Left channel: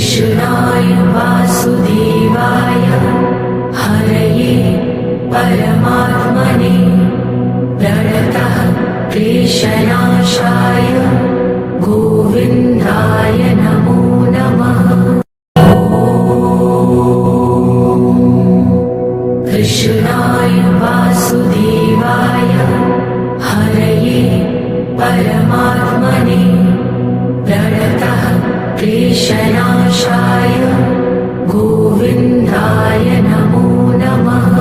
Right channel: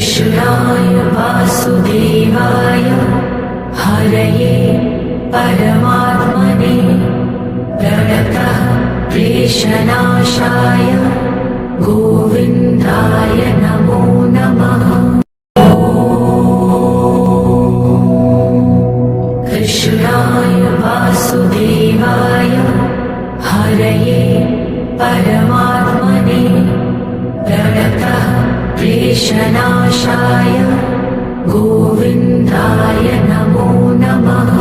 कृष्णाय वासुदेवाय हरये परमात्मने प्रणतः क्लेशनाशाय गोविन्दाय नमो नमः। कृष्णाय वासुदेवाय हरये परमात्मने प्रणतः क्लेशनाशाय गोविन्दाय नमो नमः।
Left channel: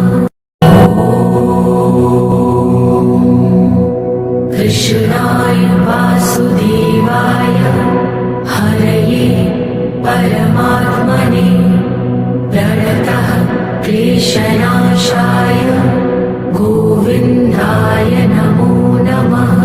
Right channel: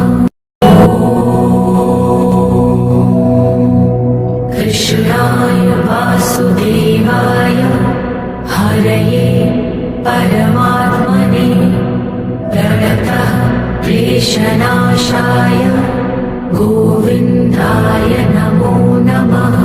कृष्णाय वासुदेवाय हरये परमात्मने प्रणतः क्लेशनाशाय गोविन्दाय नमो नमः।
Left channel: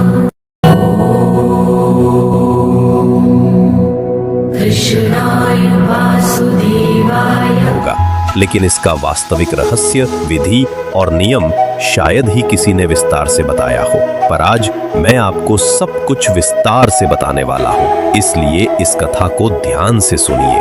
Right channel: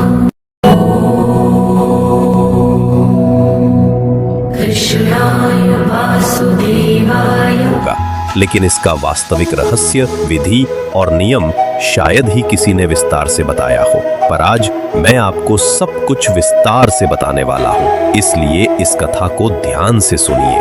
कृष्णाय वासुदेवाय होगा, लेकिन इसका वास्तविक रहस्य, विधि और नियम शायद ही किसी ने विस्तार से बताया हो। पर आज मैं आपको सब कुछ विस्तार से बताने वाला हूँ, इसलिए इस कथा को ध्यान से सुनिए।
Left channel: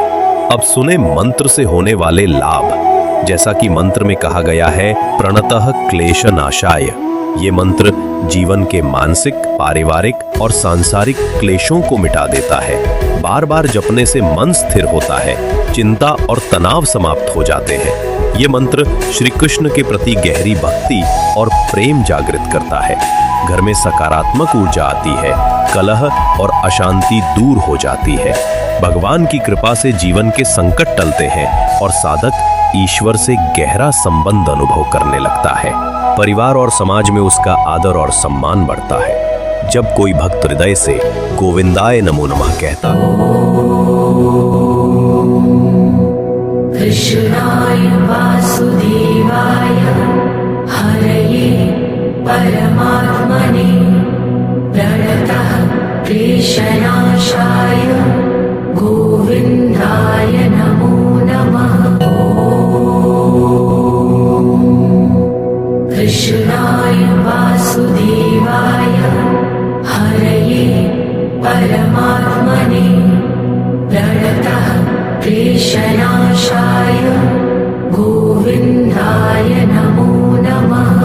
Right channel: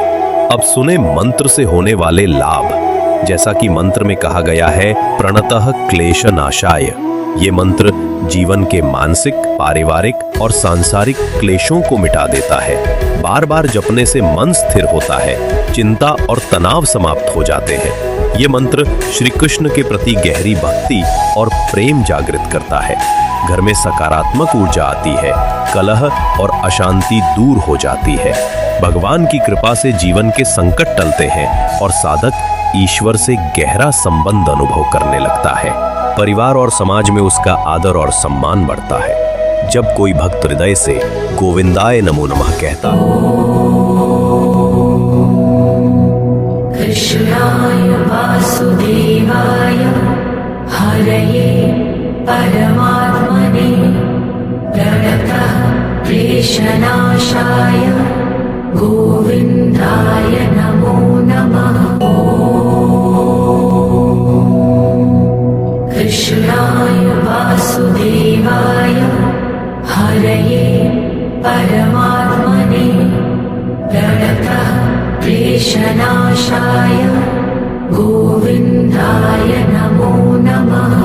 अब सुने मंत्र से होने वाले लाभ। जैसा कि मंत्र में कहा गया है, प्रणतः क्लेशनाशाय। ये मंत्र जीवन के मानसिक, पारिवारिक और सांसारिक क्लेशों को मिटा देता है। बार बार जपने से मन स्थिर होता है, चिंता और तनाव समाप्त हो जाते हैं। ये मंत्र श्री कृष्ण के प्रति गहरी भक्ति और प्रेम जागृत करता है। घर में सकारात्मक ऊर्जा आती है, कलह और अशांति दूर हो जाती है। भगवान की कृपा से जीवन के संकट टलते हैं और साधक ईश्वर से गहरा संबंध अनुभव करने लगता है। परिवार और समाज में उसका आदर और सम्मान बढ़ता है। जब कोई भक्त हृदय से गोविंदाय नमो नमः कहता है। कृष्णाय वासुदेवाय हरये परमात्मने प्रणतः क्लेशनाशाय गोविन्दाय नमो नमः। कृष्णाय वासुदेवाय हरये परमात्मने प्रणतः क्लेशनाशाय गोविन्दाय नमो नमः।